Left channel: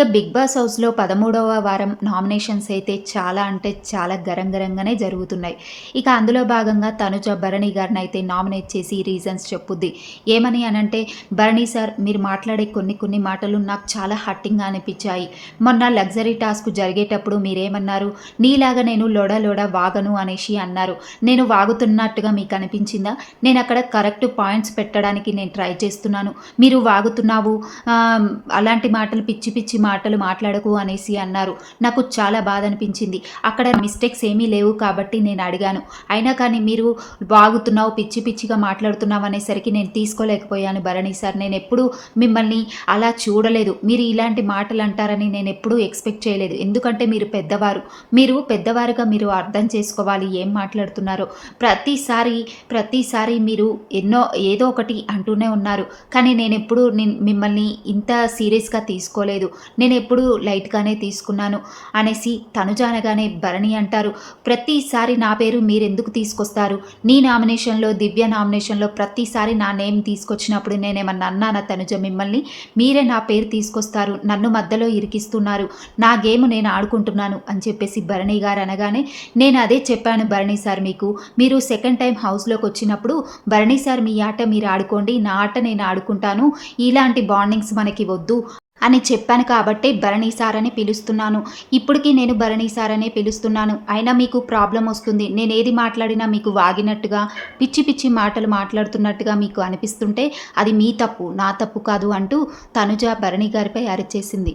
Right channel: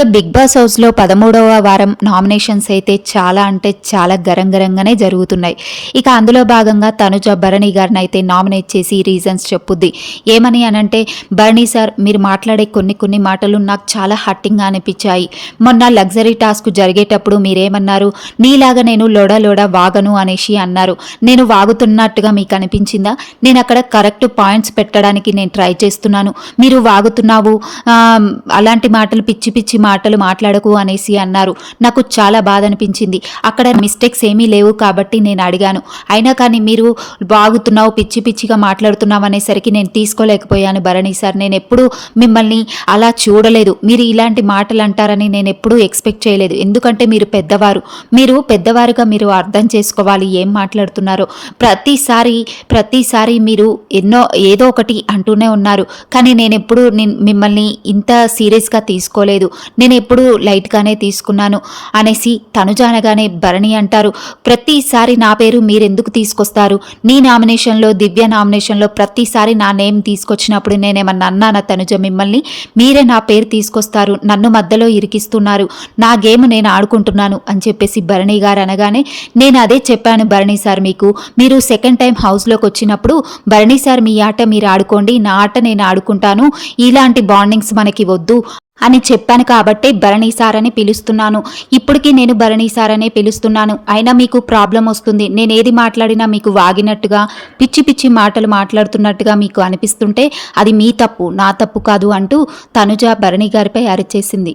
ఇక big boss హౌస్లో పదమూడవ వారం నామినేషన్స్ అయితే చాలా అంటే చాలా గరంగరంగానే జరుగుతున్నాయి. ఇక అందులో భాగంగా తనుజ భరణి గారిని అయితే నామినేట్ చేసి రీజన్స్ చెప్పుద్ది. ఏమని అనంటే భరణి సార్ మీరు మాట్లాడే కొన్ని కొన్ని మాటలు నాకు చాలా హట్టింగ్గా అనిపించాయి. మొన్న లగ్జరీ టాస్క్ జరిగేటప్పుడు మీరేమన్నారు నీలాగా నేను లోడ లోడ వాగను అనేసి అన్నారు. నేను వాగుతున్నట్టుగా మీకు అనిపించిందా? నేను అక్కడ కరెక్ట్ పాయింట్స్ పెట్టడానికి నేను ట్రై చేస్తున్నాను. మీరు వాగుతున్నావు అలాంటి మాటలు పిచ్చి పిచ్చి మాటలు మాట్లాడకు అనేసి అన్నారు. నాకు చాలా బాధ అనిపించింది అక్కడ మిస్టేక్స్ ఏమీ లేవు కాబట్టి నేను అడిగాను. అయినా కానీ మీరు బాగుతున్నావు పిచ్చి పిచ్చిగా మాట్లాడుతున్నావు అనేసరికి నేను తీసుకోలేకపోయాను భరణి సార్. నేను ఎప్పుడూ మిమ్మల్ని అలా చూడలేదు. మీరు ఇలాంటి మాటలు అంటారని నేను ఎప్పుడూ ఎక్స్పెక్ట్ చేయలేదు. ఎందుకంటే మీరు పెద్దవారు. మీరు పెద్దవారుగా మీరు అర్థం చేసుకోవాలి ఏం మాట్లాడుతున్నారో. ప్రతిసారి ప్రతిసారి మీరు ఎన్నో ఏదో ఒకటి అంటూనే ఉన్నారు. కానీ నేను ఎప్పుడు మిమ్మల్ని ఇంత సీరియస్గా తీసుకోలేదు. నేను ఎప్పుడు లైట్గానే తీసుకున్నాను. అనేసి తనుజానగానే భరణి అంటారు. ప్రతిసారి నా పేరు మీరెందుకు తీసుకొస్తారు? నీ నామినేషన్లో దివ్య నామినేషన్లో ప్రతిసారి నా నేమ్ తీసుకొచ్చినప్పుడు నేనేమన్నా అన్నానా తనుజ మిమ్మల్ని? మీరే నా పేరు తీసుకొస్తారు. నన్ను మధ్యలో ఇరికిస్తున్నారు. నా గేమ్ నేను ఆడుకుంటున్నాను అని చెప్పేసి భరణి గారు అనగానే నేను అదే చెప్పాను భరణి సార్ మీకు. మీరు సెకండ్ టైం హౌస్లోకి వచ్చినప్పుడు భరణి సార్ మీ ఆట మీరు ఆడుకోండి నా ఆట నేను ఆడుకుంటాను. ఇలాంటి బాండింగ్స్ మనకి వద్దు. అని చెప్పాను కాబట్టే భరణి సార్ అని పిలుస్తున్నాను. ఇప్పటికీ నేను భరణి సార్ అనే పిలుస్తున్నాను. అయినా మీకు ప్రాబ్లం వస్తుంది. నేను ఏది మాట్లాడినా మీకు వాగినట్టుగా పిచ్చి పిచ్చి మాటలు మాట్లాడుతున్నట్టుగా మీకు అనిపిస్తుంటే అది మీ తప్పు నా తప్పు కాదు అంటూ తనుజ భరణి గారిపై అరిచేసింది.